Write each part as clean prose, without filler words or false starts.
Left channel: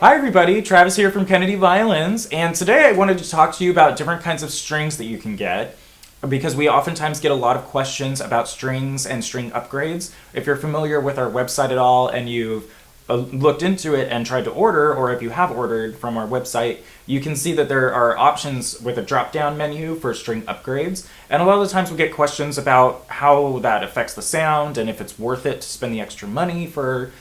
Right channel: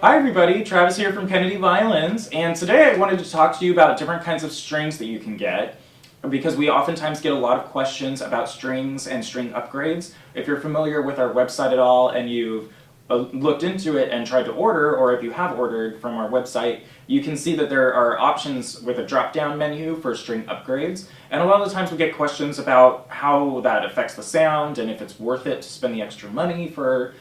Hi everybody, Travis here from Kennedy Violins, and today I wanted to talk to you about different kinds of strings that you can get, because we oftentimes get a lot of questions about strings and string upgrades. If you're familiar with our website at all and you've looked into it and tried to order, or if you have ordered from our website, you can see that there are options with a drop-down menu for string upgrades, and a lot of the times we get questions about how that affects the sound and if it's worth it to spend the extra money for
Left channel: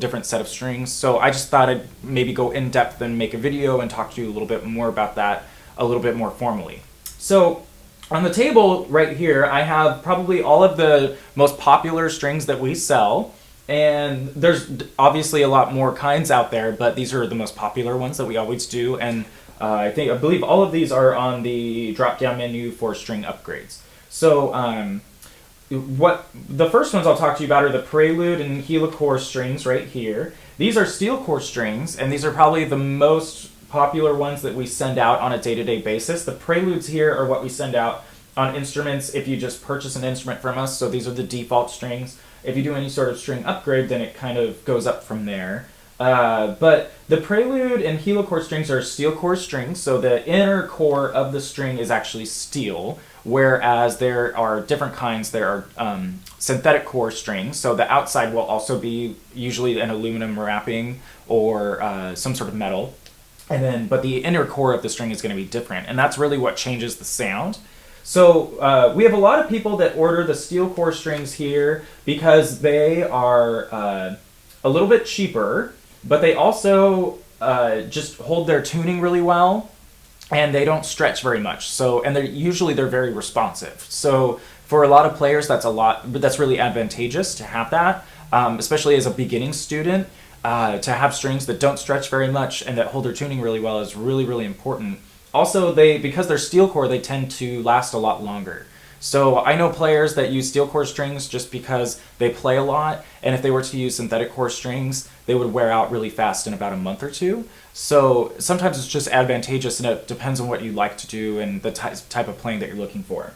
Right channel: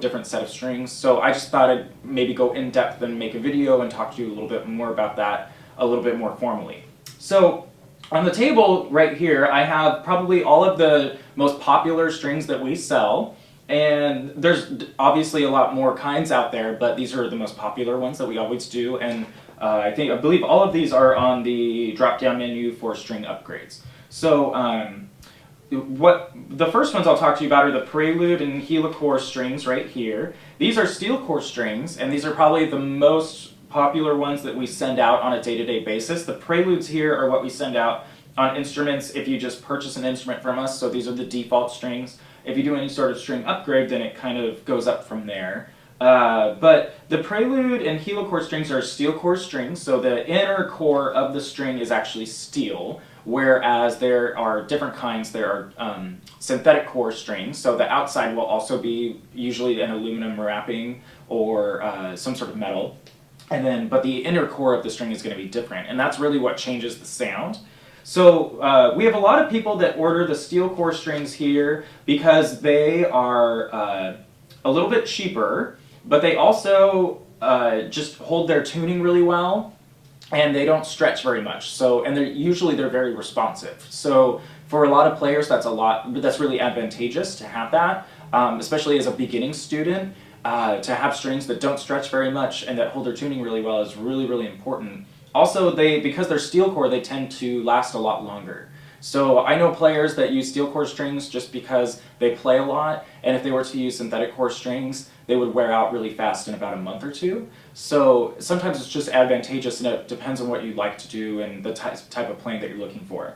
different set of strings. So I just thought I'd maybe go in depth and make a video and talk to you a little bit more about that a little bit more formally. So on the table right here, I have probably all of the most popular strings that we sell. And there's obviously a lot more kinds out there, but these are the most popular ones that we always do. And I believe all of these are on the drop-down menu for string upgrades. So the first ones I'll talk to you about are the Prelude and Helicore strings right here. These are steel core strings, and these are probably the most popular ones that we send out on a day-to-day basis. The Preludes here are what we send out on instruments if you just purchase an instrument from us, so these are the default strings. If you do any sort of string upgrade, then it kind of goes up from there. But the Prelude and Helicore strings are steel core strings, so the inner core of the string is actually steel, whereas there are different kinds. There are synthetic core strings, so the outside will also be usually an aluminum wrapping or some sort of metal, but the inner core of the string is going to be different, and that's really what changes the sound. So we have a lot of people that order the steel core strings here because they are a little bit cheaper, but they also just hold their tuning really well, and they don't stretch very much. So, and they're very responsive. So for a lot of players, that's really advantageous to have that, especially as a beginning student. To have strings that don't stretch very much and that hold their tuning really well is really, really important. Also, because they're steel core, they tend to last a lot longer. So I know players that use steel core strings just because they play a lot, and if they were to use synthetic core strings, they would wear out really fast in about a month or two. So sometimes it's just advantageous, and it depends on what you like to do and the type of playing that you're looking for.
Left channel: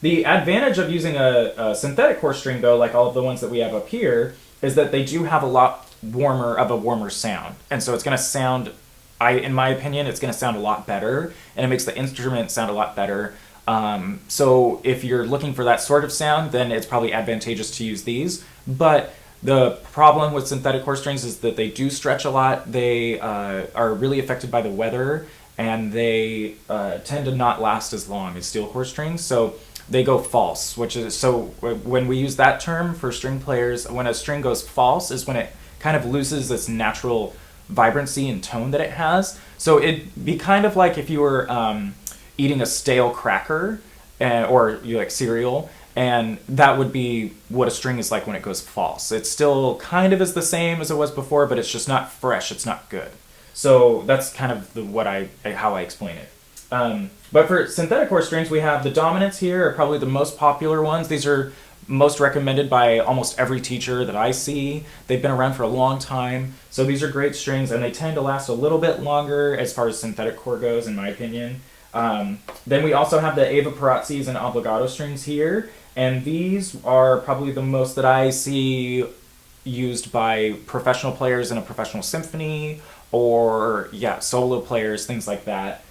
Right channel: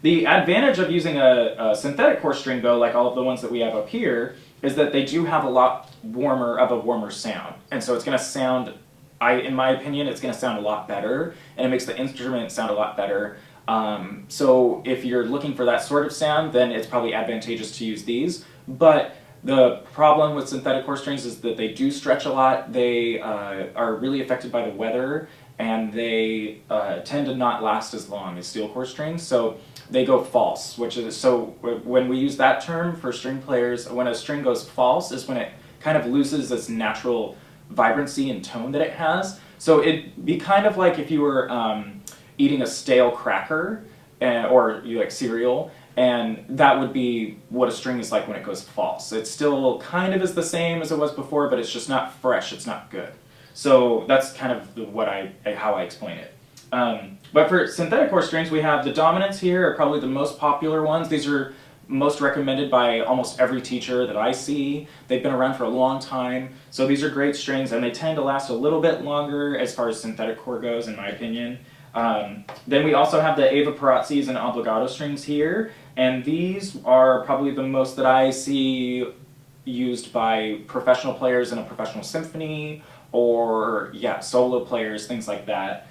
The advantage of using a synthetic core string, though, like all of the ones that we have up here, is that they do have a lot warmer sound. And so it's going to sound, in my opinion, it's going to sound a lot better, and it makes the instrument sound a lot better. So if you're looking for that sort of sound, then it's probably advantageous to use these. But the problem with synthetic core strings is that they do stretch a lot. They are really affected by the weather, and they tend to not last as long as steel core strings. So they go false, when we use that term for string players, when a string goes false is when it kind of loses its natural vibrancy and tone that it has. So it'd be kind of like if you were eating a stale cracker or like cereal, and that would be what a string is like when it goes false. It still kind of is the same as it was before, but it's just not fresh, it's not good. So that's kind of how I explain it. But for synthetic core strings, we have the dominants here are probably the most popular ones. These are most recommended by almost every teacher that I see. They've been around for a long time, so these are great strings, and they tend to last a little bit longer as far as synthetic core goes, in my opinion. Then we also have the Evah Pirazzis and Obligato strings here, and these are probably the most that I see used by professional players in a professional symphony, or solo players, things like that.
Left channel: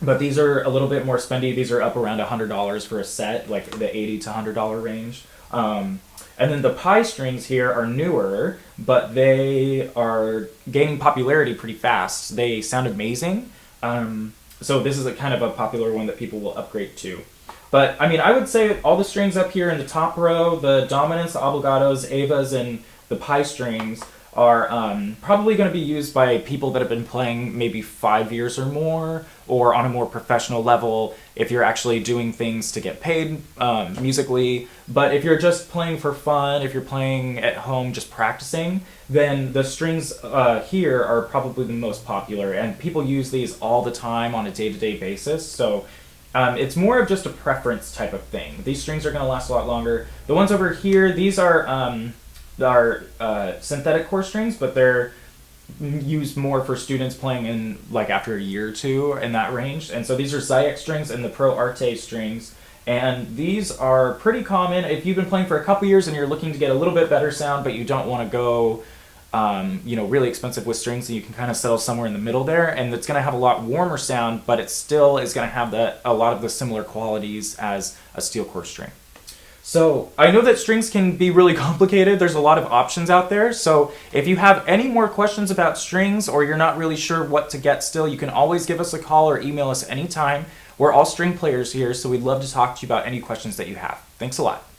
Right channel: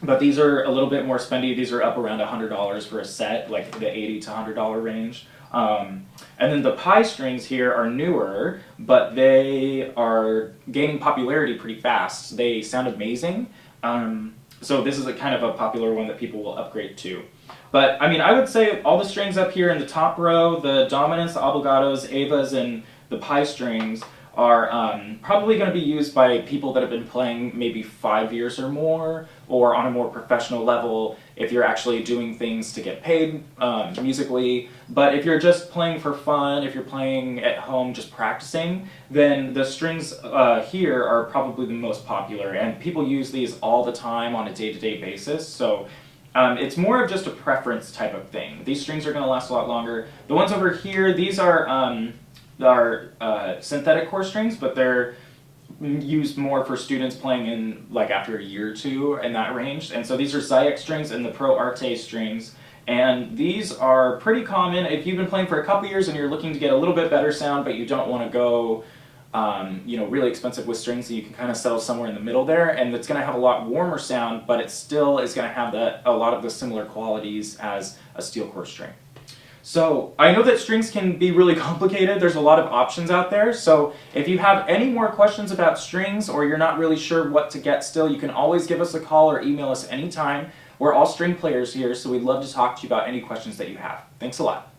But these are a little bit more spendy. These are up around $100 for a set, like the $80 to $100 range. And then the PI strings here are newer, but they are gaining popularity pretty fast. They sound amazing. So this is a kind of a popular one that people will upgrade to. But I mean, I would say all the strings up here in the top row, the dominants, the obligatos, Evas, and the PI strings are probably going to be used by people that have been playing maybe 5 years or more, or on a more professional level if you're actually doing things to get paid musically. But if you're just playing for fun, if you're playing at home just practicing, then the strings here are probably the most popular, and people use these all the time on a day-to-day basis. So it's more of just a preference type of thing. These strings are going to last a lot longer. The ones over here, these are synthetic core strings, but they're used more for students playing in like after a year or two in that range. And so these are Zyex strings and the Pro-Arte strings. And these are pretty common if you've been playing for a couple years and you're looking to get a little bit better sound, but you don't want to go really expensive with strings, and you can kind of sell somewhere in the middle there, and it's going to have a lot warmer sound, but it still is going to have a lot of the similar qualities as a steel core string. So I know that strings can be really complicated. There's a lot of options out there. So if you have any more questions about strings, or you're not really sure what to get still, you can always give us a call or email us anytime. We're all string players here, so we'd love to talk to you about any questions that you have. Thanks a lot.